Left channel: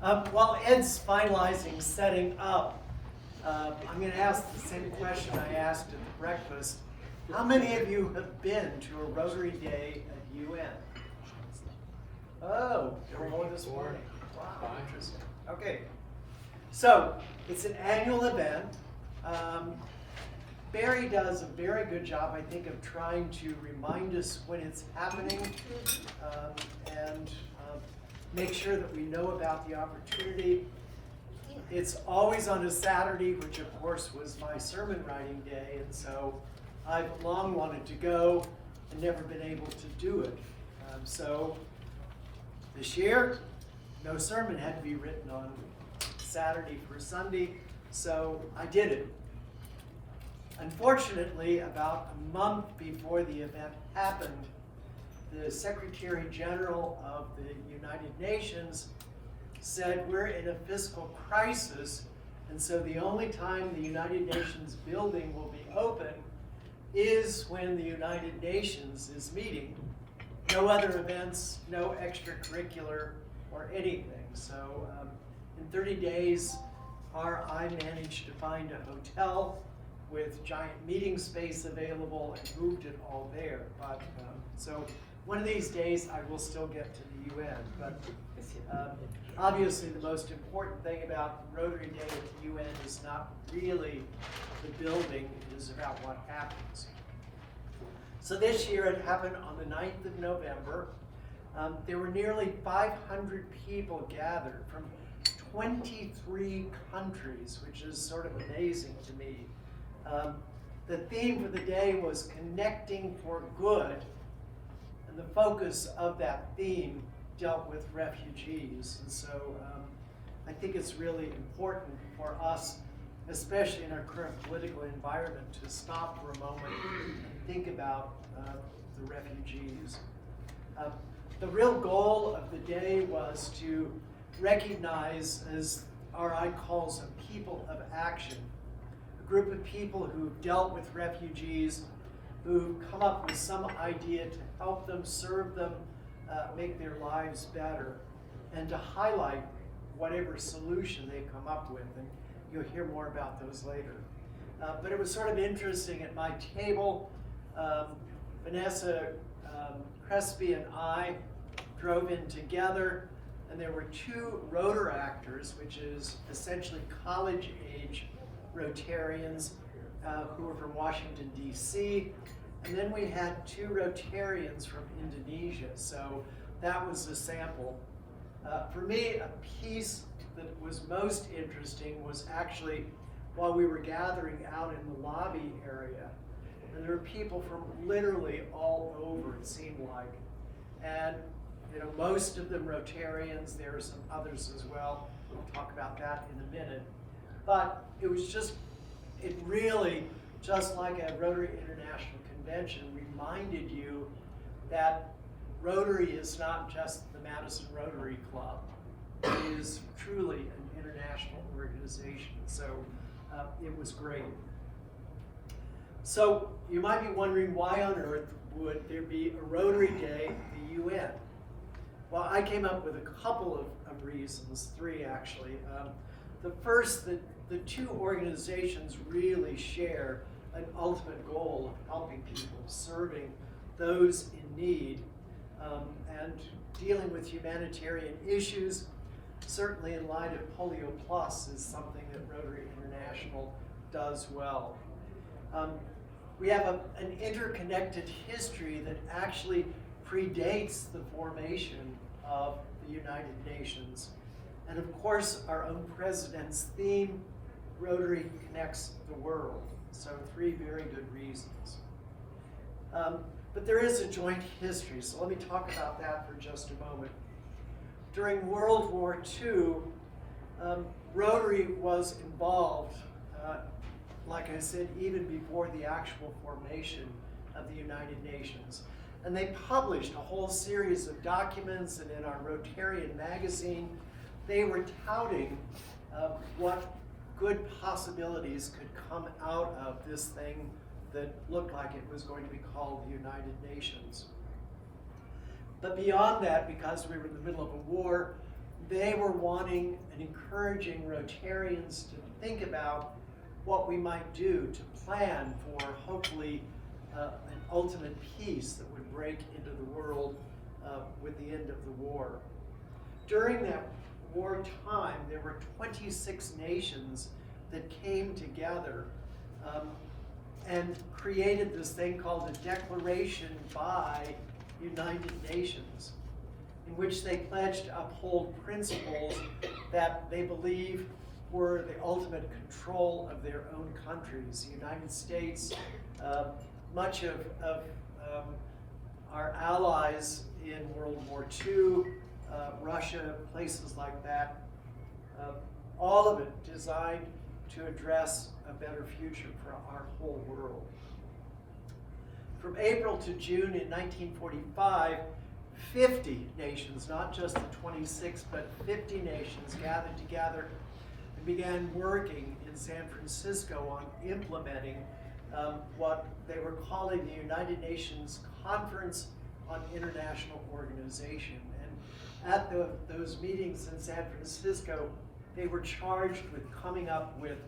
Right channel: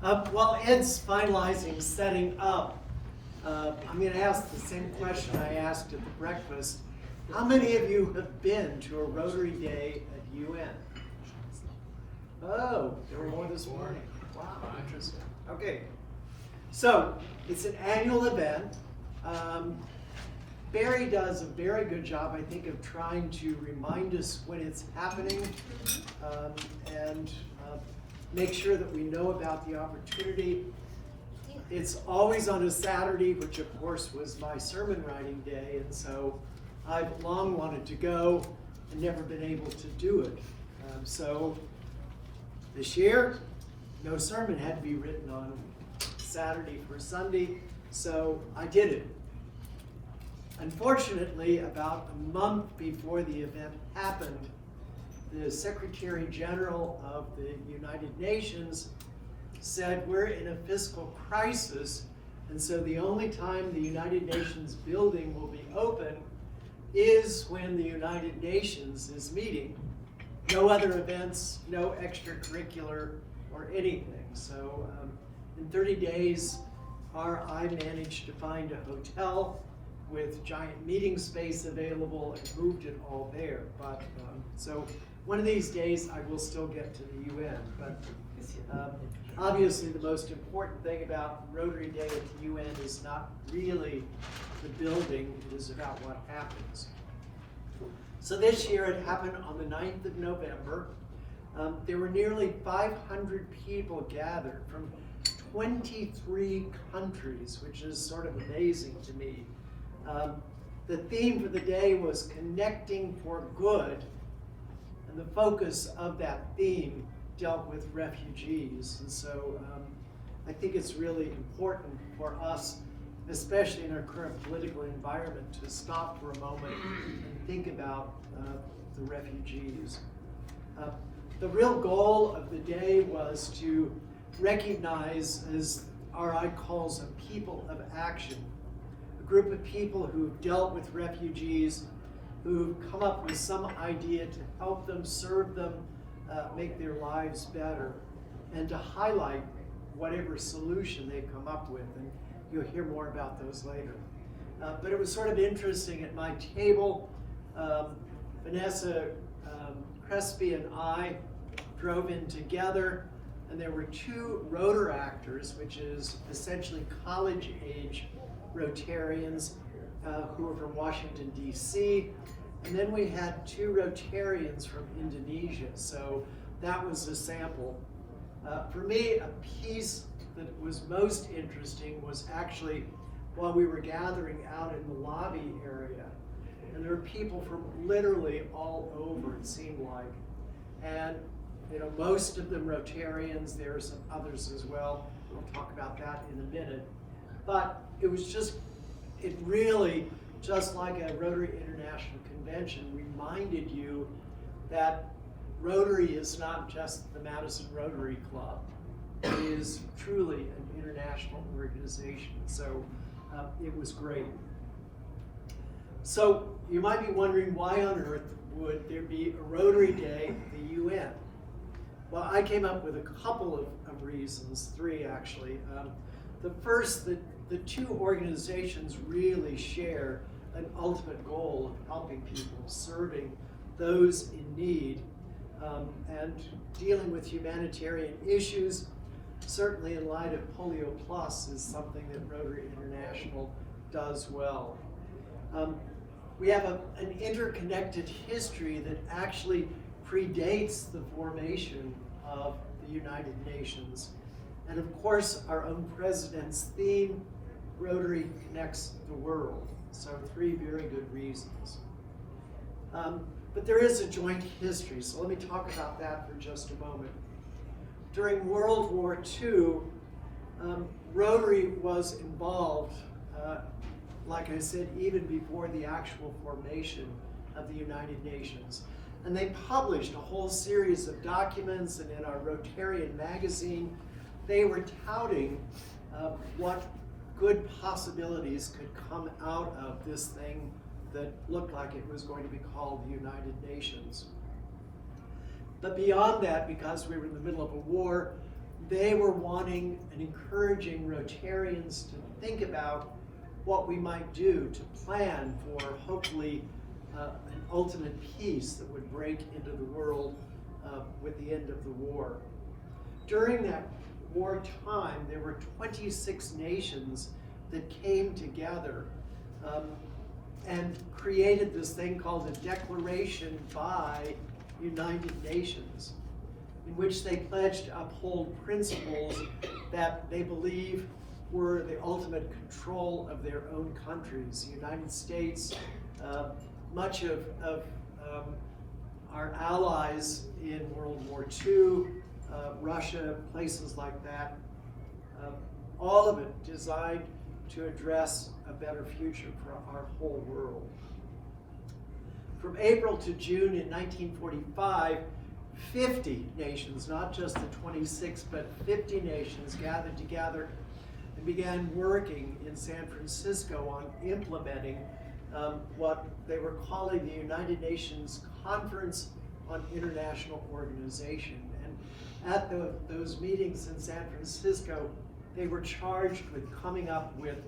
While Ed's finalizing setting up, I'm going to ask the same question I asked at the breakfast. How many of you have been to a Rotary Day at UN? Oh, there were more this morning. Wow, interesting. Okay, so it's an annual event. Barry does a very good job, I think, of trying to remind us when it's happening and make sure that we know about the opportunity. It's always on a Saturday, which of course was my sermon writing day, and so I've long wanted to go and never been able to do it. So this year, no sermon had to be written on Saturday for Sunday, so I did it. Unfortunately, about a month before the event happened, the Secretary General of the United Nations said we're in a fiscal crisis, and so the only time the United Nations building will be open is when the United Nations is meeting. No other events, no extracurricular or anything. So in 30 days, I managed to find a hotel with giant meeting space available and moved it all there. But so one of these days I will still get to the UN. But obviously the most important thing about Rotary Day at the UN is not really the building, it is about what happens. So this year it happened on the 9th of November. There were nearly 500 people gathered from 23 countries, which is sort of amazing to me. The theme for the day was Connecting for Good, and the focus of that theme dealt with refugees. And so I think it's really important for us, especially in our current political environment, to stop for a moment and think about the refugees. The real goal of the day was to recognize, as RI calls them, people of action. Group of people who've dealt with refugees, who've come up with some idea to help them, serve them, make their lives better, and to highlight whatever solution they've come up with. And you'll hear more about those later. But it was sort of interesting at my table. Vanessa Crespi and I drove in together, and there were two Rotaractors, which is essentially college-age Rotarians who were from Washington, D.C., and then we had two Rotarians from Indonesia, so that was a sample. For me, a piece that was most interesting was actually while we were gathering out in the lobby area, and there were people from literally all over, it seemed like, and most of them Rotarians. There are some others as well. We'll talk about that in a minute. But it really, just like a Rotary International Convention, reminded you that Rotary is not just the Madison Rotary Club. It is truly an international organization. So it was great. So you might be wondering, why on earth would there be a Rotary Day at the UN? Well, I came up with a couple of reasons, three actually. The first, that the two organizations really share an ultimate goal of helping people, serving those in need, and dealing with humanitarian issues. Certainly in light of Polio Plus is something that Rotary International does well. We have an interconnected history that actually predates the formation of the United Nations. And of course, our own president's theme, Rotary Connects the World. So three very good reasons. But there is a joint history, so let me talk about that for just a moment. During World War II, Rotary was involved, like I said, even before the actual formation of the United Nations. And they published a whole series of documents, and in our Rotarian magazine, they were touting what good possibilities could come out of this thing that looked like it was going to be called the United Nations. But beyond that, because we were in the middle of a war, they were wanting and encouraging Rotarians to think about what we might do to plan for hopefully an ultimate peace that would break into the world with the end of the war. During that wartime, there were 26 nations that came together and created this thing called the Declaration by United Nations, in which they pledged to uphold principles that they believe were the ultimate control of their own countries. The United States, much of our allies in World War II, Russia, places like that, all of it designed to address a better future for our whole world. From April to June in 1945, 50 nations, not just the 26, but 50 nations gathered together and began working in San Francisco on implementing what they were calling the United Nations Conference on International Organization. And at those meetings in San Francisco, they were charged with coming up with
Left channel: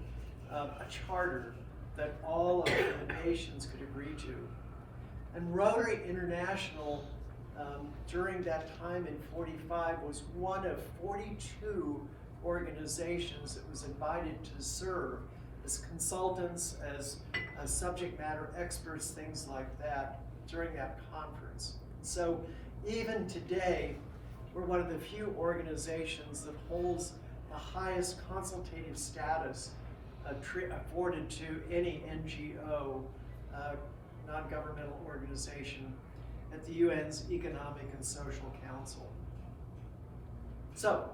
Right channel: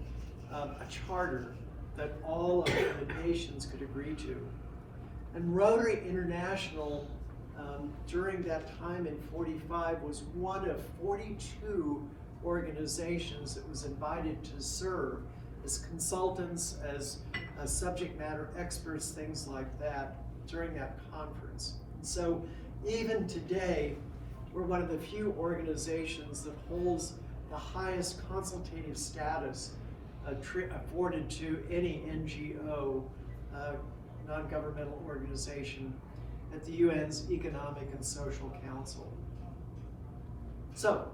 a charter that all of the nations could agree to. And Rotary International, during that time in 45, was one of 42 organizations that was invited to serve as consultants, as subject matter experts, things like that, during that conference. And so even today, we're one of the few organizations that holds the highest consultative status afforded to any NGO, non-governmental organization, at the UN's Economic and Social Council. So,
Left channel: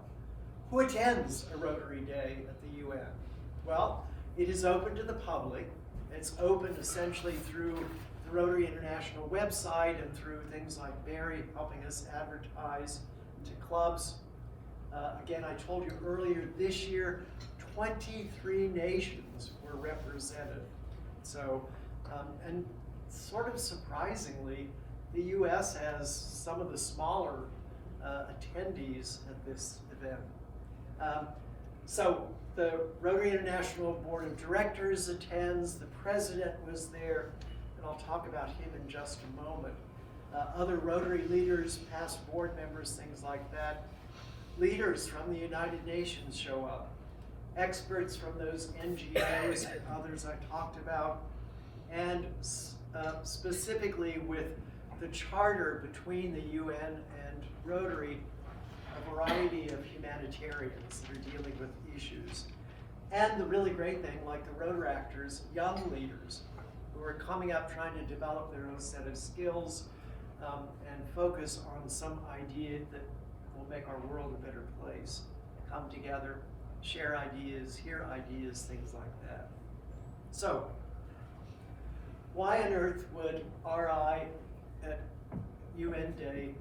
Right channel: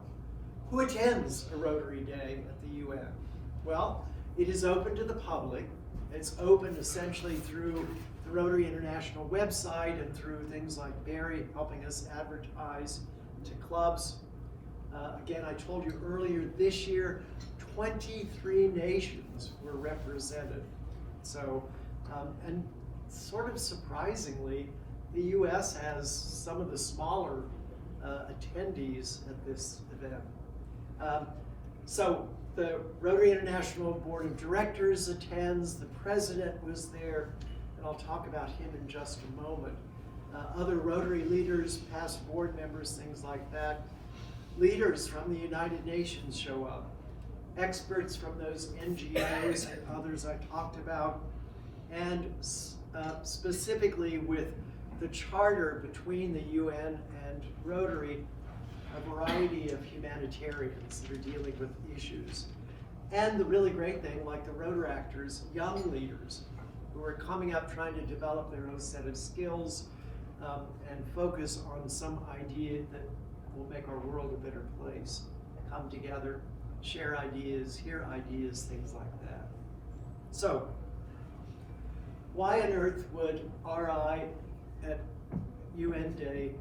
who attends a Rotary Day at the UN? Well, it is open to the public. It's open essentially through the Rotary International website and through things like Barry helping us advertise to clubs. Again, I told you earlier, this year, 23 nations were represented. So, and sort of surprisingly, the U.S. has some of the smaller attendees at this event. So the Rotary International Board of Directors attends, the president was there, and I'll talk about him in just a moment. Other Rotary leaders, past board members, things like that. Leaders from the United Nations show up. Experts from those NGOs and others I talked about, and specifically with the charter between the UN and Rotary, a variety of humanitarians that are dealing with issues. And the really great thing, like the Rotaractors, young leaders who are coming up trying to develop their own set of skills and focus on some idea that will make our world a better place. Come together, share ideas, hear ideas, things like that. So, why on earth would RI at UN Day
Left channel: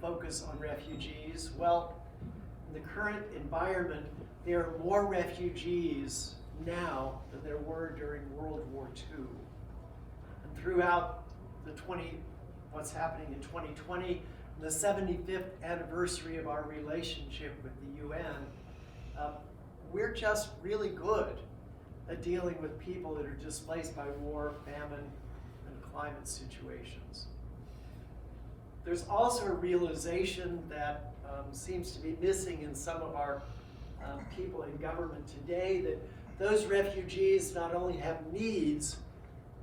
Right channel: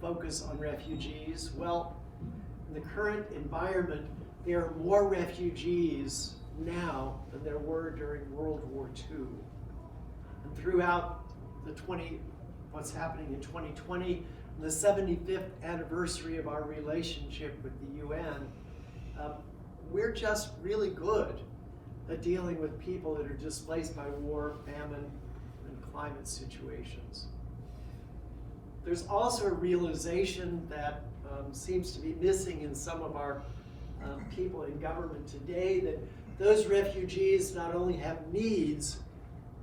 focus on refugees? Well, in the current environment, there are more refugees now than there were during World War II. And throughout what's happening in 2020, the 75th anniversary of our relationship with the UN, we're just really good at dealing with people that are displaced by war, famine, and climate situations. There's also a realization that seems to be missing in some of our people in government today, that those refugees not only have needs,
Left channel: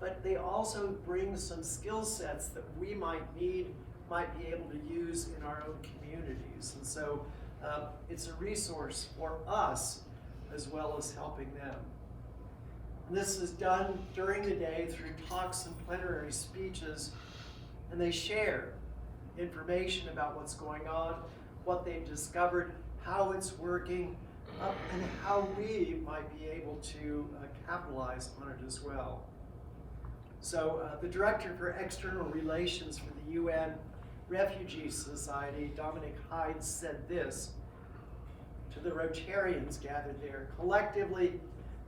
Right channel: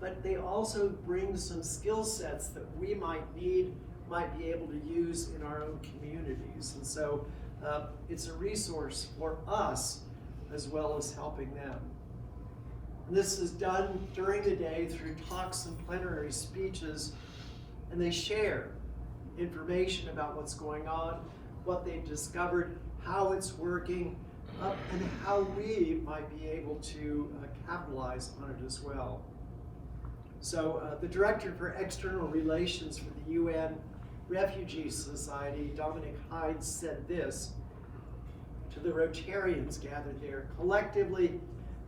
but they also bring some skill sets that we might be able to use in our own communities. And so it's a resource for us as well as helping them. And this is done during the day through talks and plenary speeches, and they share information about what's going on, what they've discovered, how it's working, and how we might be able to capitalize on it as well. So the Director for External Relations for the UN Refugee Society, Dominic Hyde, said this to the Rotarians gathered there: collectively,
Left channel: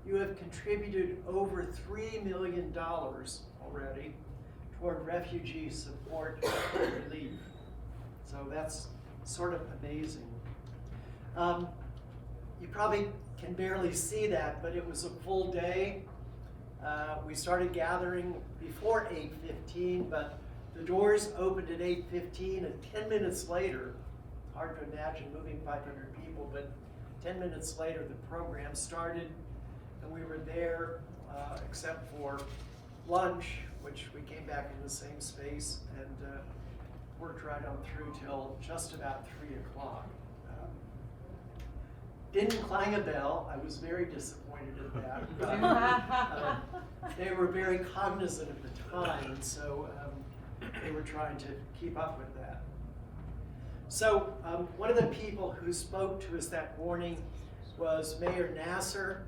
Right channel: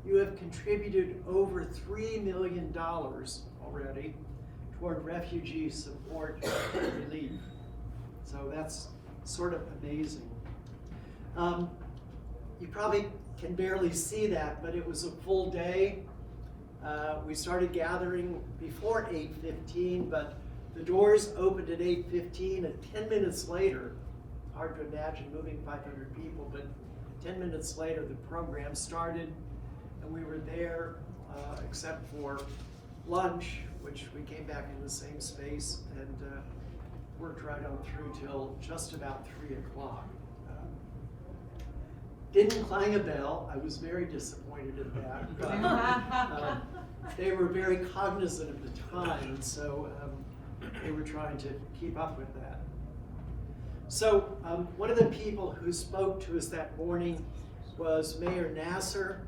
you have contributed over $3 million already toward refugee support and relief. So that's sort of amazing. You probably can barely see that, but it was a full day. We started gathering before 8:15, but the doors opened at 8:15, and 10 minutes later, hard to imagine moving 500 people, but 10 minutes later the program started, and we were there except for lunch, which we came back in the same space and worked right on through till just about 3 o'clock. Didn't clang a bell. I was very disappointed in that, but they were very cognizant of the time, and so they were trying to keep up with that. So one of the people who spoke to us that morning was Mayor Nasser.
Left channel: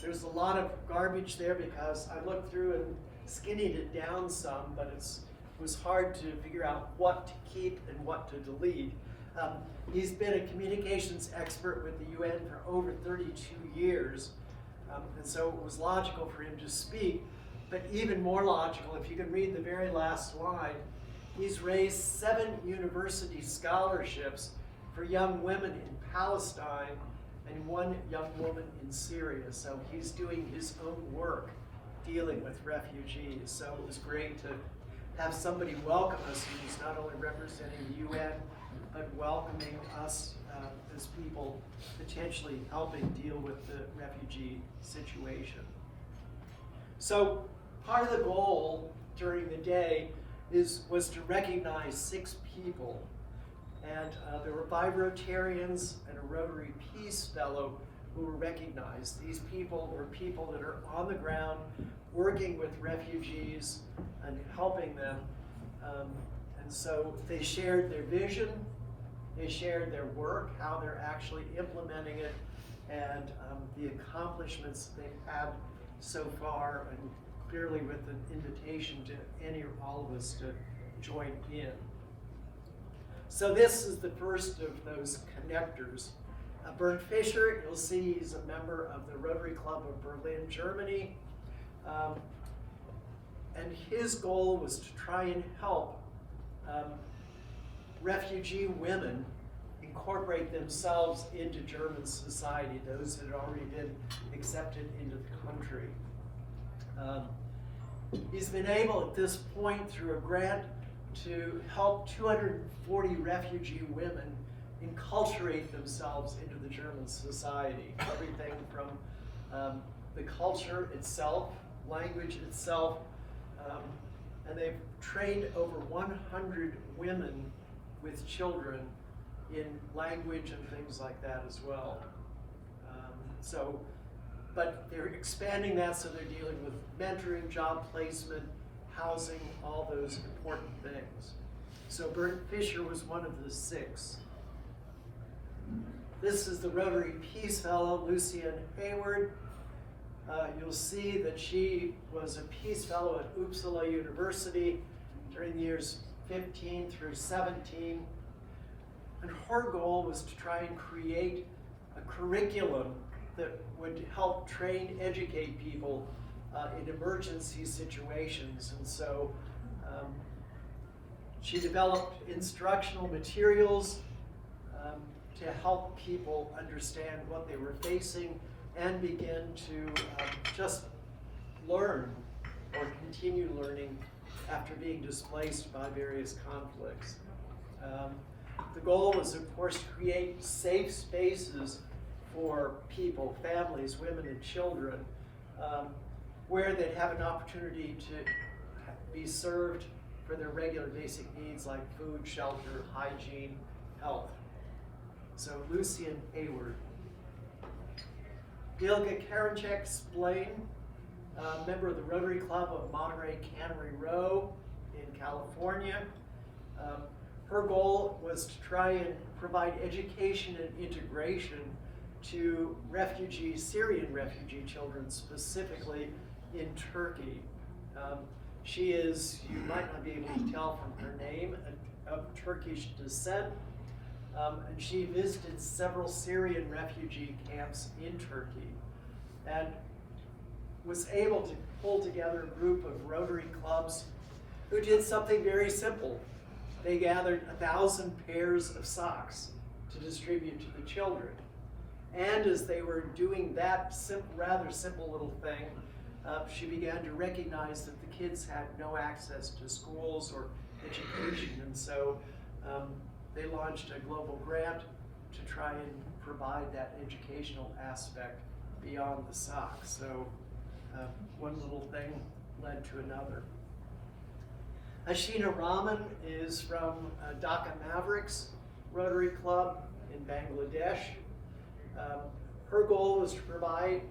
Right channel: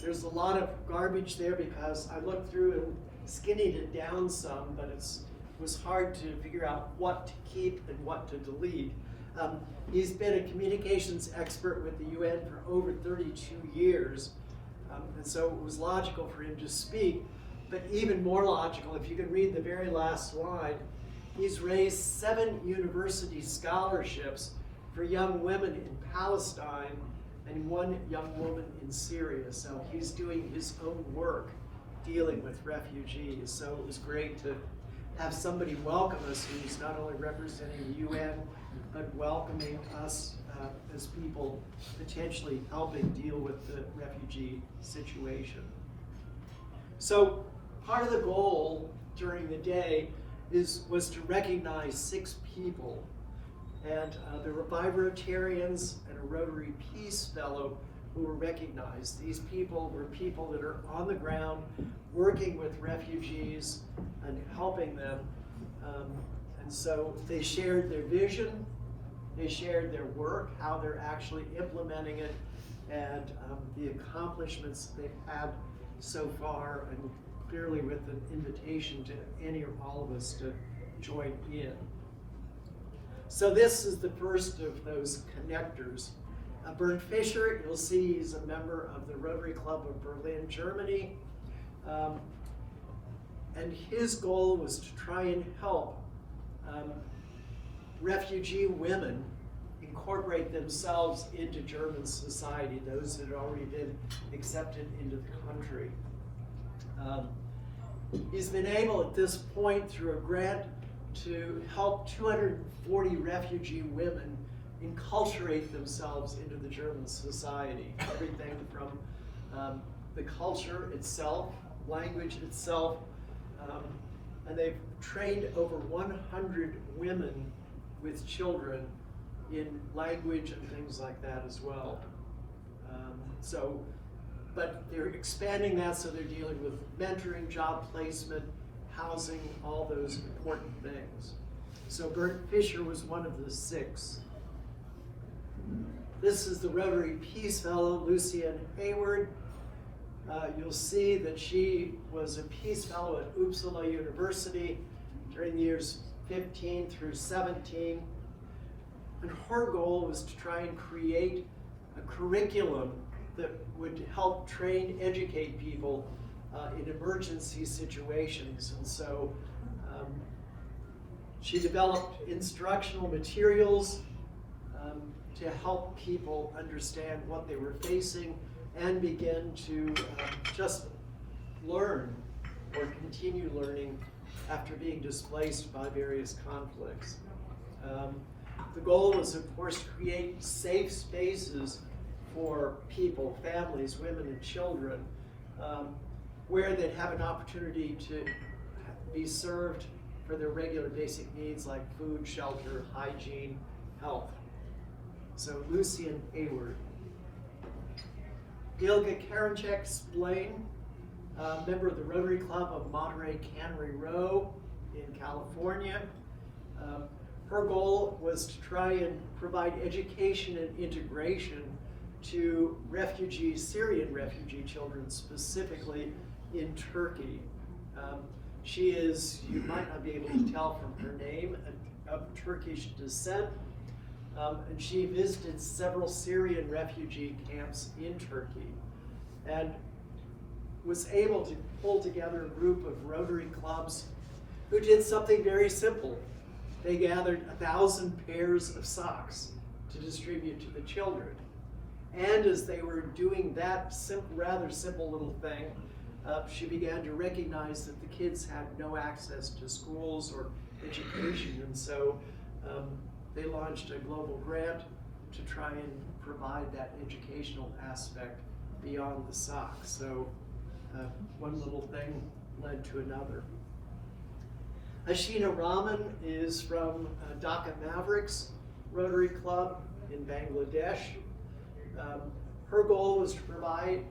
There's a lot of garbage there because I looked through and skinnied it down some, but it was hard to figure out what to keep and what to delete. He's been a communications expert with the UN for over 32 years, and so it was logical for him to speak, but even more logical, if you can read the very last slide, he's raised 7 university scholarships for young women in Palestine and 1 young woman in Syria. So he's doing his own work dealing with refugees. So it was great to have somebody welcome us who's not only representing the UN, but welcoming us as people potentially helping deal with the refugee situation. So part of the goal during the day was to recognize 6 people. And there were 5 Rotarians and a Rotary Peace Fellow who were recognized. These people were people that are on the ground working with refugees and helping them. And so they shared their vision, they shared their work, how they're actually implementing it, and the accomplishments they've had so far, and clearly with an invitation to any or all of us to join in. So this is the first of those connectors. Bernd Fischer, you'll see he's a member of the Rotary Club of Berlin, Germany. And his goal was to try and help refugee women incorporate themselves into German society, those that had already been accepted into the country. He's been able at this point through a grant to help 240 refugee women enculturate themselves into the German society. Everything from the culture itself, language itself, and they've trained over 100 women with children in language and things like that as well. But they're expanding that, so they're dealing with mentoring, job placement, housing, all those important things. So Bernd Fischer was one of the 6. This is the Rotary Peace Fellow, Lucienne Hayward. You'll see that she was a Peace Fellow at Uppsala University during the years 15 through 17. And her goal was to try and create a curriculum that would help train, educate people in emergency situations. And so she developed instructional materials to help people understand what they were facing and begin to just learn or continue learning after being displaced by various conflicts. The goal was, of course, to create safe spaces for people, families, women, and children, where they'd have an opportunity to be served for their regular basic needs like food, shelter, hygiene, health. So Lucienne Hayward. Ilga Karanchek-Splain, member of the Rotary Club of Monterey Cannery Row in California. Her goal was to try and provide education and integration to Syrian refugee children, specifically in Turkey. She is, you might not be able to tell from her name, of Turkish descent, and she visited several Syrian refugee camps in Turkey and was able to pull together a group of Rotary clubs who did something very simple. They gathered 1,000 pairs of socks to distribute to the children. And as they were doing that rather simple little thing, she began to recognize that the kids had no access to schools or education, and so they launched a global grant to try and provide that educational aspect beyond the socks. So one little thing led to another. Ashina Rahman is from Dhaka Mavericks Rotary Club in Bangladesh. Her goal was to provide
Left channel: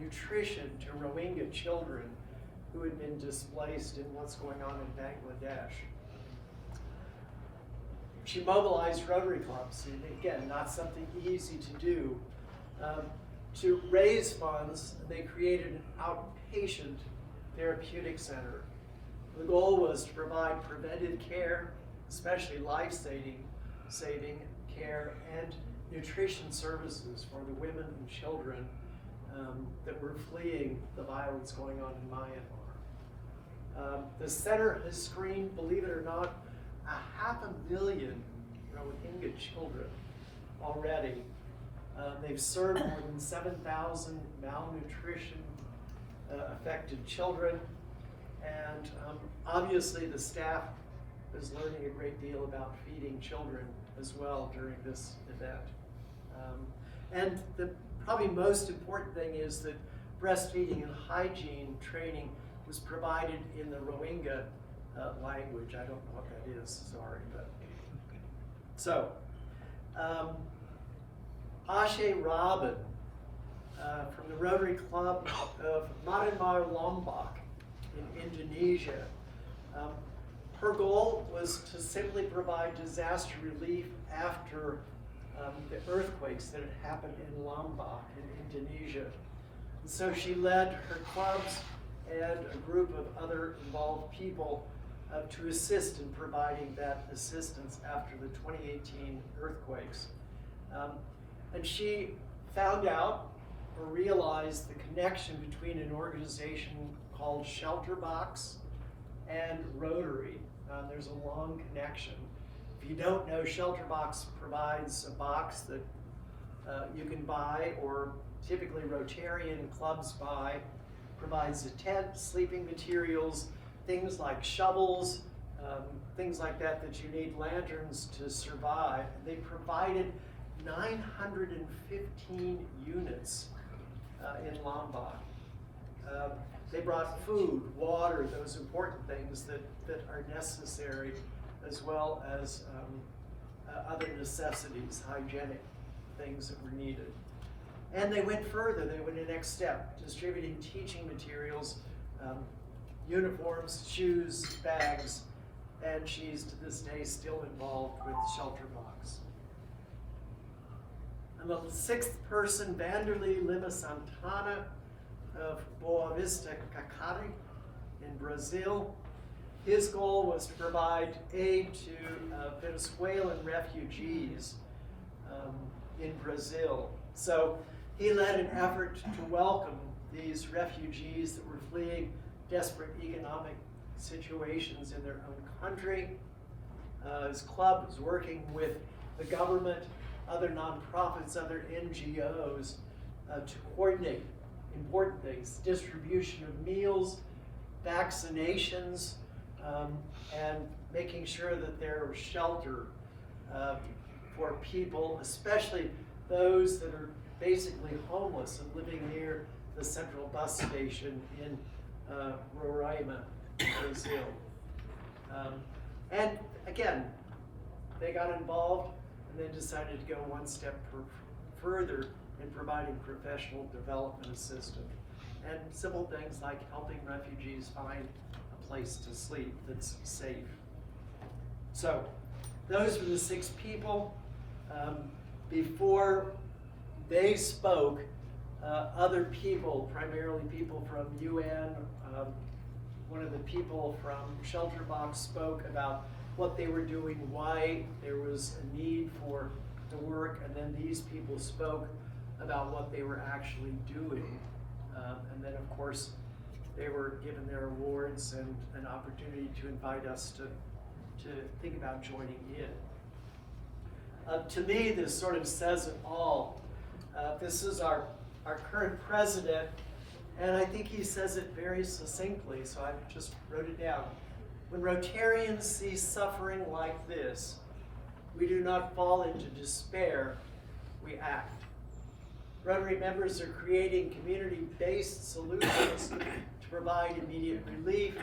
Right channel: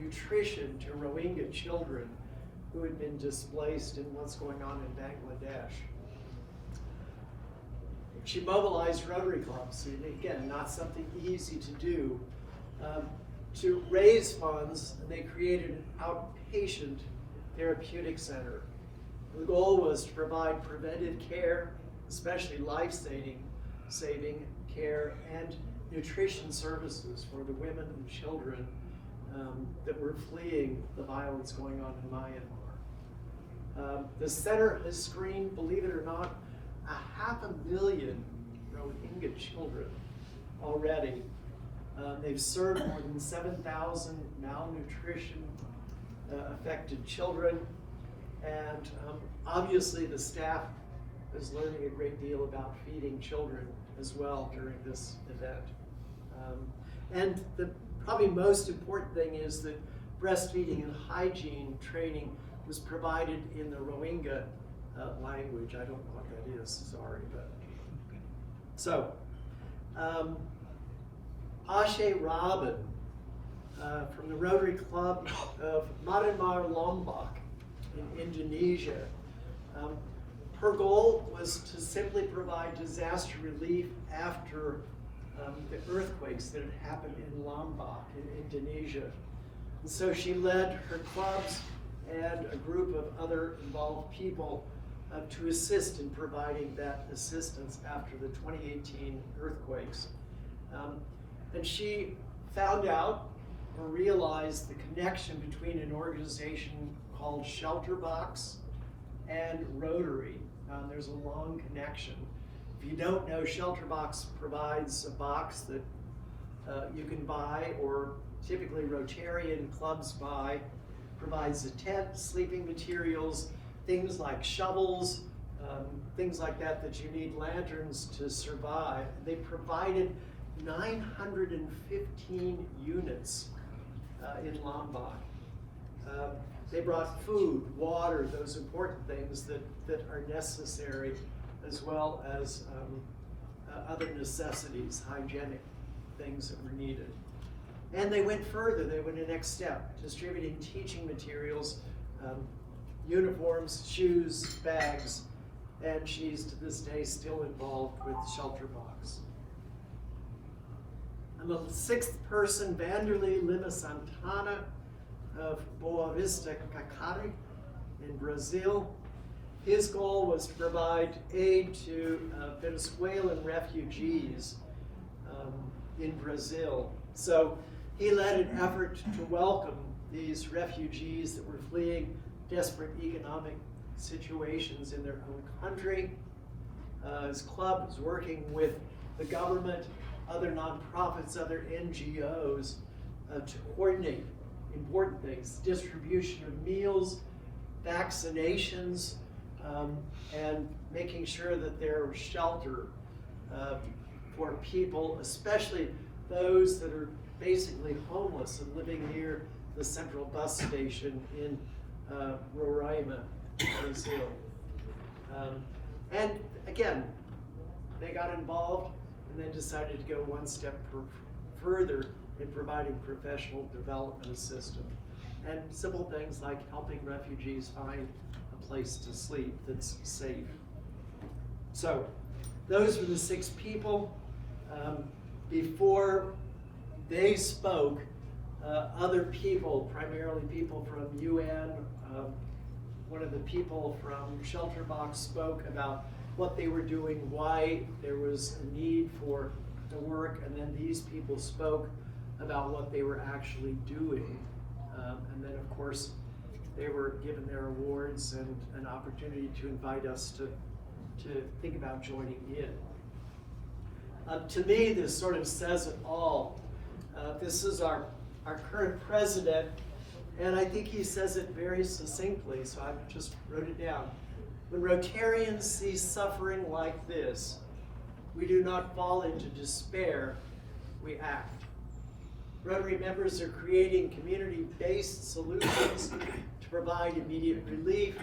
nutrition to Rohingya children who had been displaced in what's going on in Bangladesh. She mobilized Rotary clubs, and again, not something easy to do. To raise funds, they created an outpatient therapeutic center. The goal was to provide preventive care, especially life-saving care, and nutrition services for the women and children that were fleeing the violence going on in Myanmar. The center has screened, believe it or not, 500,000 Rohingya children already. They've served more than 7,000 malnutrition affected children, and obviously the staff is learning a great deal about feeding children as well during this event. And the probably most important thing is that breastfeeding and hygiene training was provided in the Rohingya language. I don't know what that is, sorry. But so, Ashe Robin from the Rotary Club of Myanmar Lombok in Indonesia. Her goal was to simply provide disaster relief after the earthquakes that had happened in Lombok in Indonesia. And so she led her clubs and a group of other involved people to assist in providing that assistance after the 2018 earthquakes. And she found out or realized the connection between an organization called Shelter Box and Rotary. There's a long connection. If you don't know, Shelter Box provides a box that you can buy, or typically Rotarian clubs buy, provides a tent, sleeping materials, things like shovels, things like that you need, lanterns to survive. They provided 915 units in Lombok. They brought food, water, those important things that are necessary, as well as other necessities, hygienic things that were needed. And they went further, they went the next step, distributing teaching materials, uniforms, shoes, bags, and she's to this day still involved with Shelter Box. And the sixth person, Vanderlei Lima Santana of Boa Vista Cacari in Brazil. His goal was to provide aid to Venezuelan refugees in Brazil. So he led an effort to welcome these refugees that were fleeing desperate economic situations in their own country. His club was working with the government, other nonprofits, other NGOs to coordinate important things, distribution of meals, vaccinations, and making sure that there was shelter for people, especially those that are basically homeless and living near the central bus station in Roraima, Brazil. And again, they got involved and then decided to go one step further in providing professional development assistance and simple things like helping refugees find a place to sleep that's safe. So those were the six people. Before they spoke, other people, primarily people from UN, one of the people from Shelter Box spoke about what they were doing, why there was a need for the work, and then these people spoke about what they were actually doing. And then of course, they were given their awards and an opportunity to invite us to think about joining in. To me, this sort of says it all. This is our current president, and I think he says it very succinctly, so I just wrote it down. When Rotarians see suffering like this, we do not fall into despair, we act. Rotary members are creating community-based solutions to provide immediate relief,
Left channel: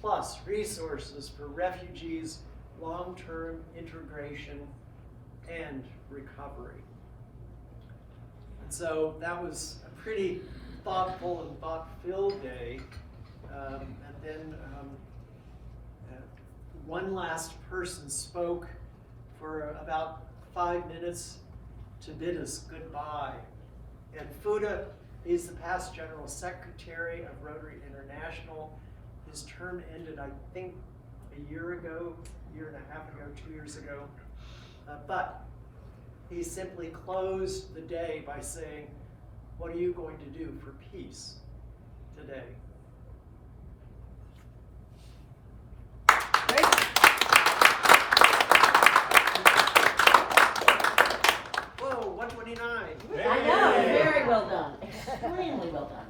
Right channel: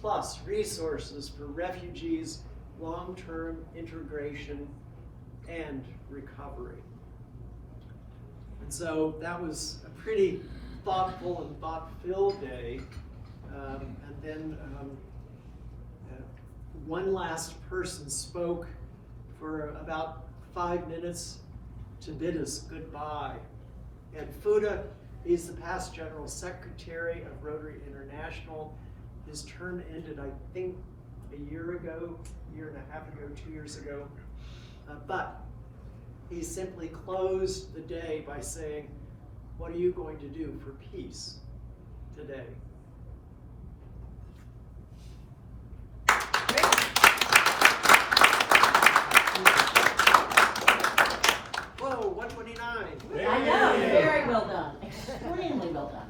plus resources for refugees, long-term integration, and recovery. And so that was a pretty thoughtful and thought-filled day. And then one last person spoke for about 5 minutes to bid us goodbye. And Fuda is the past General Secretary of Rotary International. His term ended, I think, a year ago, a year and a half ago, 2 years ago. But he simply closed the day by saying, what are you going to do for peace today? Whoa, 129. I know, very well done, extremely well done.